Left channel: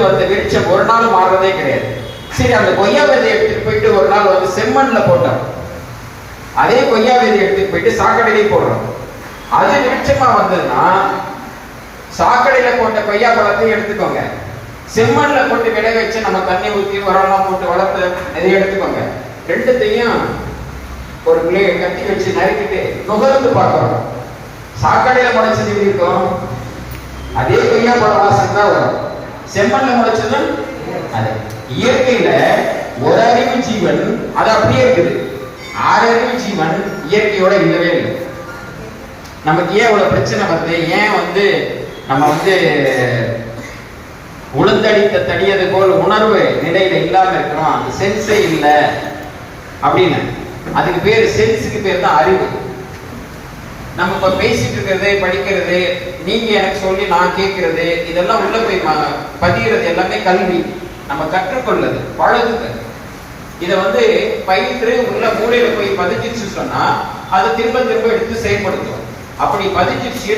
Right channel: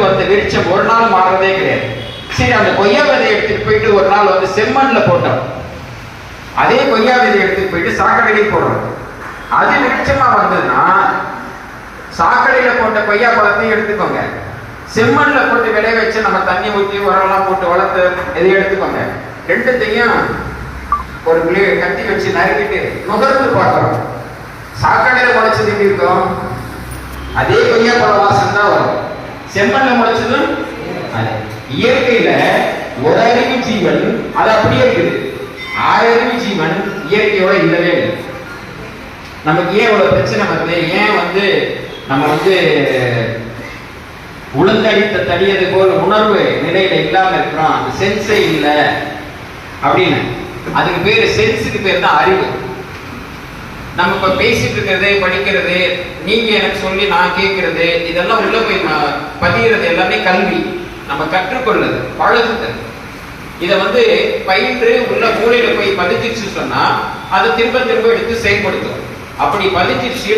வந்து விரிச்சம் ஒரு நாள் மாறுறதே கிடையாது. சரி அந்த கொய்யா விதையை எடுத்துட்டு போயிட்டு ஒரு நாள் வந்து செம்மண்ல போட்டோம். அதே கொய்யா விதையை எடுத்துட்டு போயிட்டு சாக்கடையிலே போடுறோம். அது விருட்சமா வந்ததுன்னா சாக்கடையில போட்ட கொய்யா பழத்தையும் எடுத்துக்கோங்க. செம்மண்ல போட்டு விளைய வச்சு நம்ம தண்ணி ஊத்தி உரம்லாம் போட்டு வளர்த்து எதையும் எடுத்துக்கோங்க. ரெண்டுத்தையும் ஒரு விளைய கட்டி வச்சு நறுக்கிட்டு நுகர்ந்து பார்க்கறோம். சாக்கடையில முளைச்சது எப்படி இருக்கும். அதே கொய்யா பழ வாசம் தான் முளைச்சது முளைச்சதும் அது இயற்கையில ஒரு அறிவு ஜீவன் அது அப்படியே இருக்குது. ஆறு அறிவு ஜீவன் இயற்கையோட இல்லவே இல்லை. நமக்கு ஏன் இவ்வளவு பிரச்சனை வருது? ஏன் வந்து நம்ம வந்து உளுந்தடித்த தடியது போல் உணர்வு நிலையில இல்லாம இருக்கிறோம்? அந்த சென்ஸே இல்லை. அப்படின்னு. அதுக்கு பேர் சென்ஸுக்கு பேர் தான் அறிவு. நம்ம இப்ப பேசிட்டு இருக்கிறது படிக்கிறது நீங்க எனக்கு சொல்லி நான் கேட்கறது இதெல்லாம் உள்ள போய் பதிகிறது எல்லாமே கல்வி. நம்ம கற்றுக்கொள்ளது பழகுதல். இதை வந்து பயின்று உள்ள மூலையில போய் பதிச்சிருச்சு சொன்னா அது திரும்ப திரும்ப எடுத்து செயல்படுத்தும். அப்படி பதிச்சிருச்சு